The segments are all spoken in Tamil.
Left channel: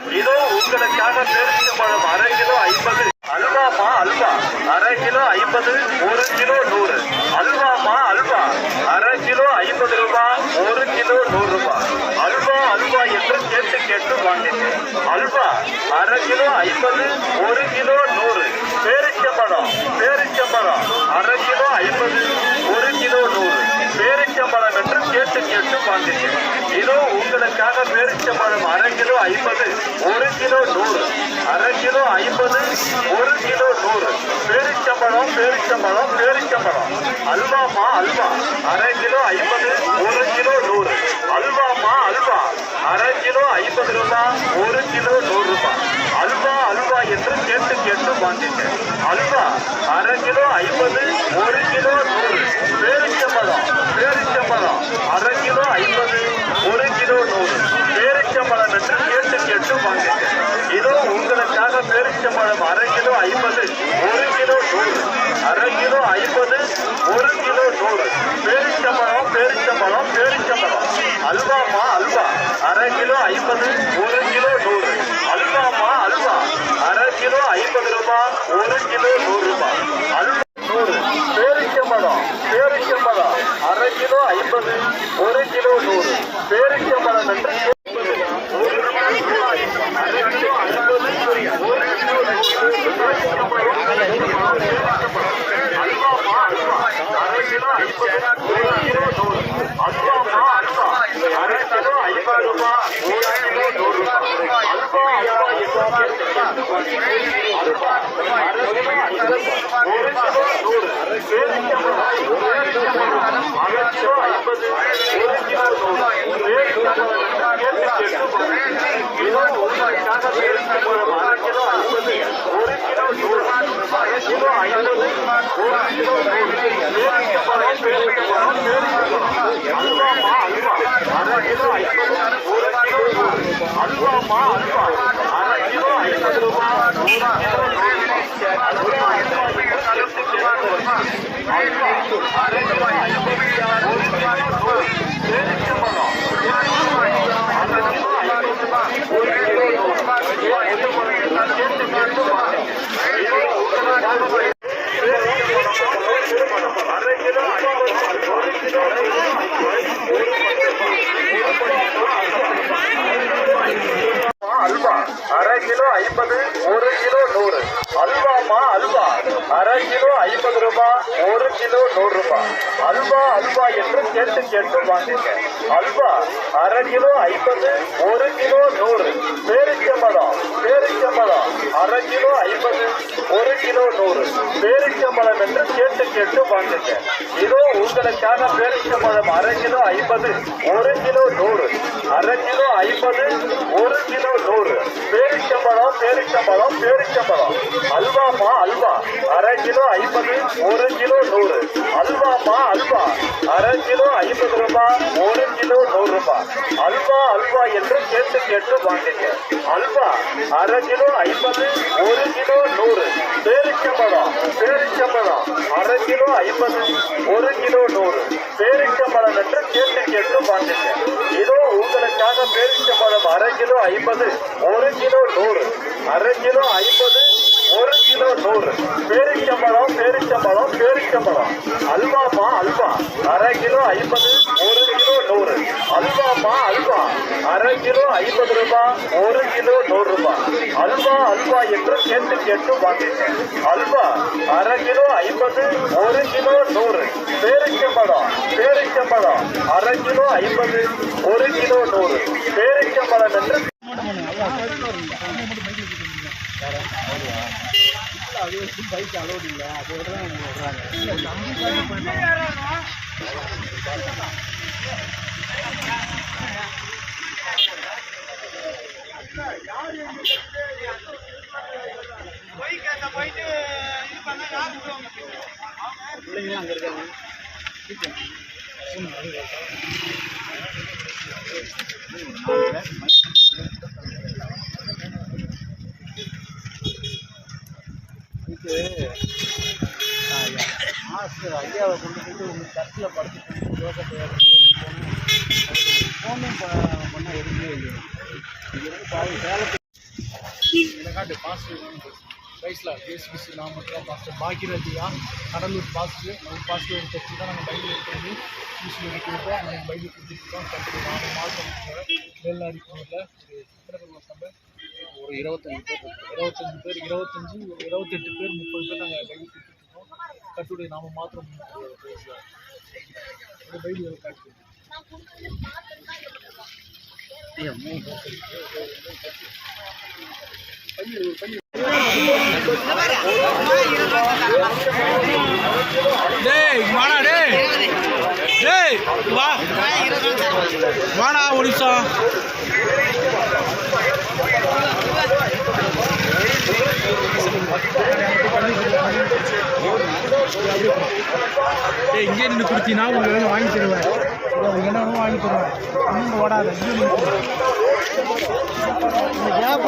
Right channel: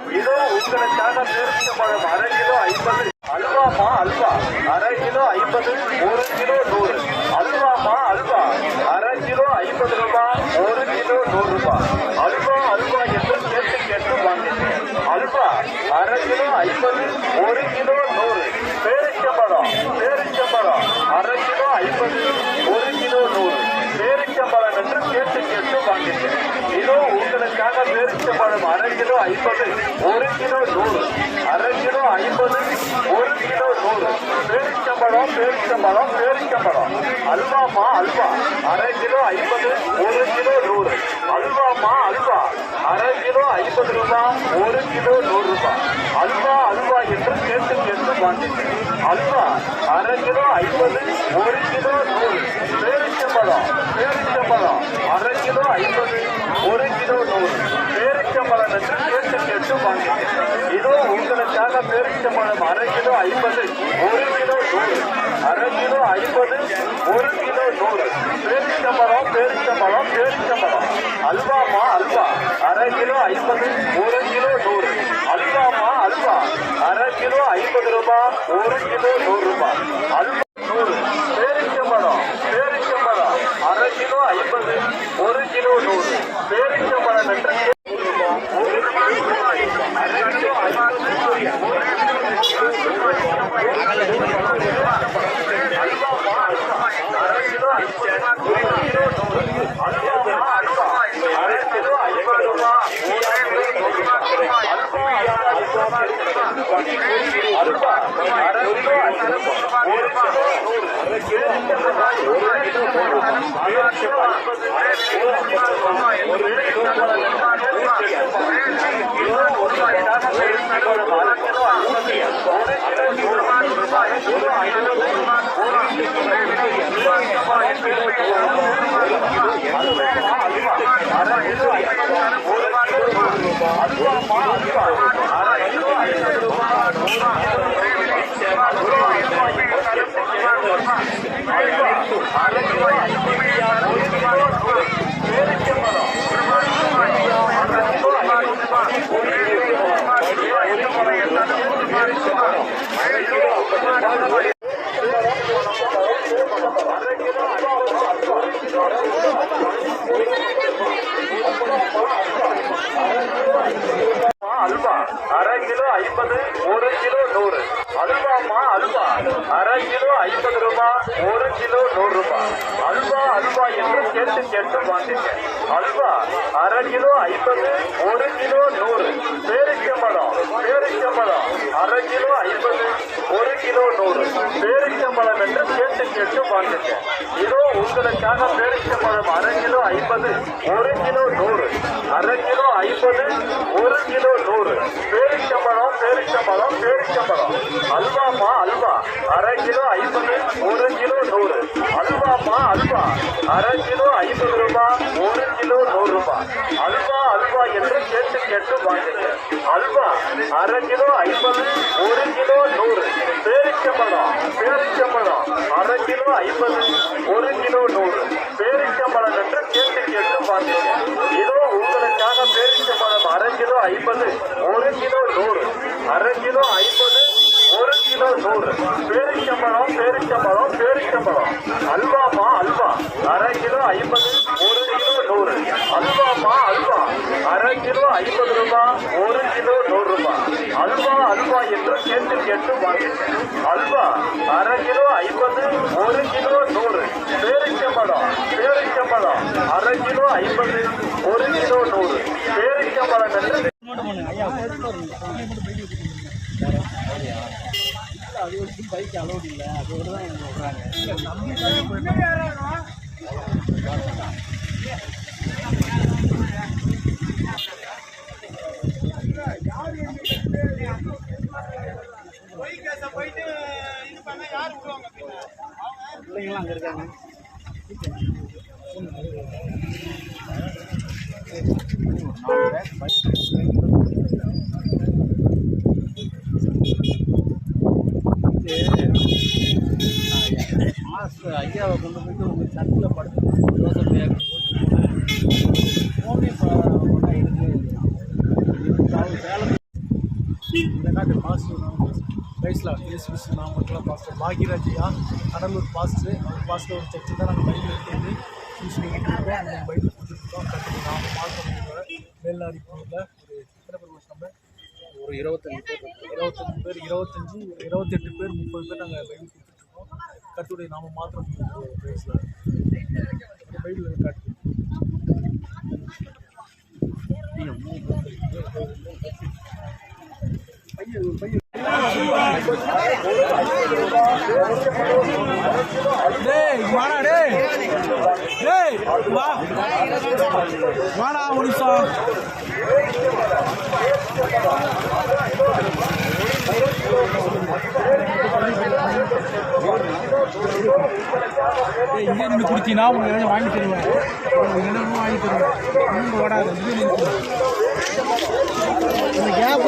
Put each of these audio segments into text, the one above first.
இதோ உங்களுக்காக பேரிச்சம்பழம் 1/2 கிலோ 50. அல்வாமா அல்வா 1/2 கிலோ 50, 1 கிலோ 100. அல்வாமா அல்வா 1/2 கிலோ 50 ரூபாய், 1 கிலோ 100 ரூபாய். அல்வா அல்வா என்று கேட்டு கேட்டு வாங்கிட்டு அல்வா 1/2 கிலோ 50, 1 கிலோ 100. பேரிச்சம்பழம் 1/2 கிலோ 50, 1 கிலோ 100. பேரிச்சம்பழம் என்று கேட்டு கேட்டு வாங்கிட்டு இதோ உங்களுக்காக பேரிச்சம்பழம் 1/2 கிலோ 50, 1 கிலோ 100. 1/2 kilo 50, 1 kilo 100. பேரிச்சம்பழம் அல்வாமா அல்வா 1/2 கிலோ 50, 1 கிலோ 100. அல்வாமா அல்வா 1/2 கிலோ 50 ரூபாய், 1 கிலோ 100 ரூபாய். அல்வா அல்வா என்று கேட்டு கேட்டு வாங்கிட்டு அல்வா 1/2 கிலோ 50, 1 கிலோ 100. பேரிச்சம்பழம் 1/2 கிலோ 50, 1 கிலோ 100. பேரிச்சம்பழம் என்று கேட்டு கேட்டு வாங்கிட்டு இதோ உங்களுக்காக பேரிச்சம்பழம் 1/2 கிலோ 50, 1 கிலோ 100. 1/2 kilo 50, 1 kilo 100. பேரிச்சம்பழம் அல்வாமா அல்வா 1/2 கிலோ 50, 1 கிலோ 100. அல்வாமா அல்வா 1/2 கிலோ 50 ரூபாய், 1 கிலோ 100 ரூபாய். அல்வா 100. பேரிச்சம்பழம் 1/2 கிலோ 50, 1 கிலோ 100. பேரிச்சம்பழம் என்று அல்வாமா அல்வா 1/2 கிலோ 50, 1 கிலோ 100. அல்வாமா அல்வா 1/2 கிலோ 50 ரூபாய், 1 கிலோ 100 ரூபாய். அல்வா அல்வா என்று அல்வா 1/2 கிலோ 50, 1 கிலோ 100. பேரிச்சம்பழம் 1/2 கிலோ 50, 1 கிலோ 100. பேரிச்சம்பழம் உங்களுக்காக பேரிச்சம்பழம் 1/2 கிலோ 50, 1 கிலோ 100. 1/2 kilo 50, 1 kilo 100. பேரிச்சம்பழம் அல்வாமா அல்வா 1/2 கிலோ 50, 1 கிலோ 100. அல்வாமா அல்வா 1/2 கிலோ 50 ரூபாய், 1 கிலோ 100 ரூபாய். அல்வா அல்வா என்று கேட்டு கேட்டு அல்வா 1/2 கிலோ 50, 1 கிலோ 100. பேரிச்சம்பழம் 1/2 கிலோ 50 ரூபாய், 1 கிலோ 100. பேரிச்சம்பழம் என்று கேட்டு கேட்டு வாங்க. இதோ உங்களுக்காக 1/2 kilo 50, 1 kilo 100. Halwa 1/2 kilo 50, 1 kilo 100. அல்வாமா அல்வா 1/2 கிலோ 50 ரூபாய், 1 கிலோ 100 ரூபாய். அல்வா அல்வா என்று கேட்டு கேட்டு வாங்கிக்க அல்வா 1/2 கிலோ 50, 1 கிலோ 100. பேரிச்சம்பழம் 1/2 கிலோ 50, 1 கிலோ 100. பேரிச்சம்பழம் என்று கேட்டு கேட்டு வாங்கிக்க இதோ உங்களுக்காக பேரிச்சம்பழம் 1/2 கிலோ 50, 1 கிலோ 100. 1/2 kilo 50, 1 kilo 100. பேரிச்சம்பழம் அல்வாமா அல்வா 1/2 கிலோ 50, 1 கிலோ 100. அல்வாமா அல்வா 1/2 கிலோ 50 ரூபாய், 1 கிலோ 100 ரூபாய். அல்வா அல்வா என்று கேட்டு கேட்டு வாங்கிக்க அல்வா 1/2 கிலோ 50, 1 கிலோ 100. பேரிச்சம்பழம் 1/2 கிலோ 50, 1 கிலோ 100. பேரிச்சம்பழம் என்று கேட்டு கேட்டு வாங்கிக்க இதோ உங்களுக்காக பேரிச்சம்பழம் 1/2 கிலோ 50, 1 கிலோ 100. 1/2 kilo 50, 1 kilo 100. பேரிச்சம்பழம் அல்வாமா அல்வா 1/2 கிலோ 50, 1 கிலோ 100. அல்வாமா அல்வா 1/2 கிலோ 50 ரூபாய், 1 கிலோ 100 ரூபாய். அல்வா அல்வா என்று கேட்டு கேட்டு வாங்கிக்க அல்வா 1/2 கிலோ 50, 1 கிலோ 100. பேரிச்சம்பழம் 1/2 கிலோ 50, 1 கிலோ 100. பேரிச்சம்பழம் என்று அது வச்சு பைக் அலோடு இல்லை, அதோட தான் அவங்க விடுறாங்க. பிள்ளைங்களாம் அங்கே இருக்காங்க. ஐயாவை கொண்டு போயிட்டு உங்கள் சர்ச்சில் படுத்து யோசனை ஃபோனே பண்ணால் எடுக்கவே இல்லை. பாவம் சேலம் இதை காட்டு பாஸ்டர் ரைஸ்லா ஏசு நாமத்தில் பாஸ்டர் பாக்யராஜியா கடலூர் பாஸ்டர் அவர் பாஸ்டர் ஒரு சர்ச்சு தான் நாங்கள் பைபிள் எடுத்து கொடுப்போம். அன்றைக்கி பைபிள் கொடுத்துருக்கோம். கற்றுக்கு நாம மாற்றம் வேலாரி ஊரில் ஒரு எத்தனை பேர் நம்ம ஒரு 25 பேர் 28 பேர் 30 பேர் நாங்கள் பைபிள் கொடுத்துட்ருக்கோம். கர்த்தருடைய நாம மாத்திரம் ரைஸ்லா பைபிள் காட்டு வாடா ஒரு நிமிஷம். இங்கே நின்று குடிச்சின்னா உங்களுக்கு வாங்கி தருவேன். உங்களுக்கு என்ன வேணும் வாங்கி தருவேன். இன்னும் ஓடாத இங்கே கேப்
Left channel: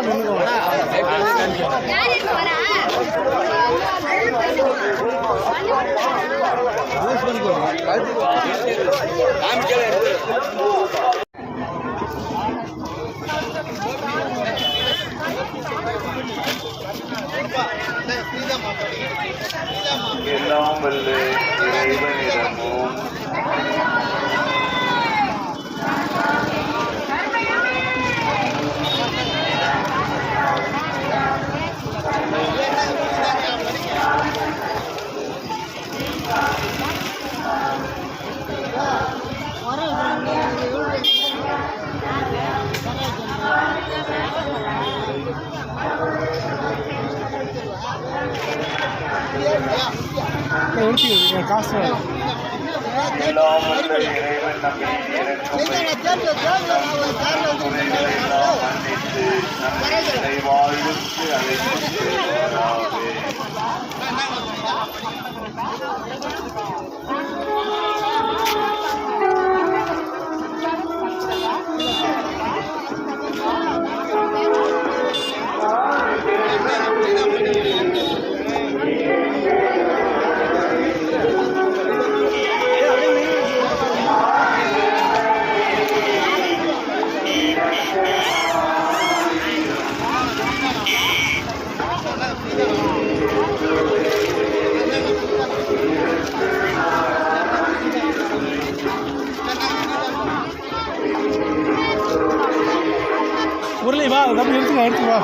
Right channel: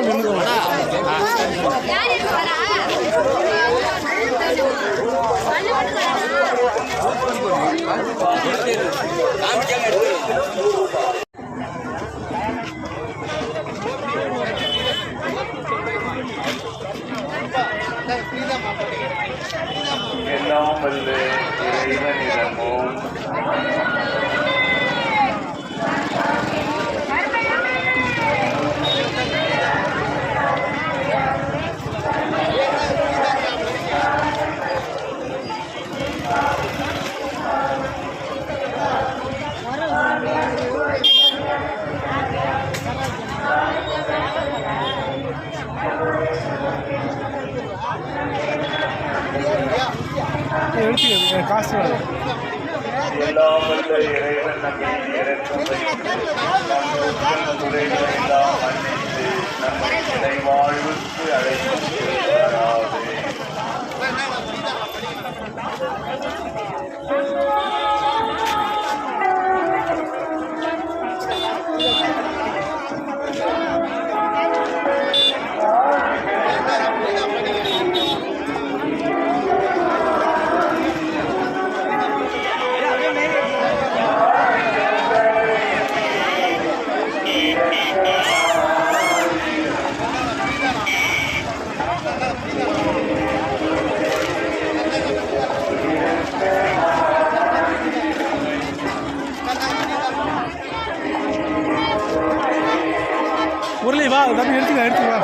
எல்லாம் வல்ல இறைவனிடமும் காசு எல்லாம் வல்ல இறைவன் நம்மை இறைவன் மன்னித்து நம்மை இறைவாழ்வுக்கு அழைத்து முரளி வா தம்பி எடுத்துக்க வா.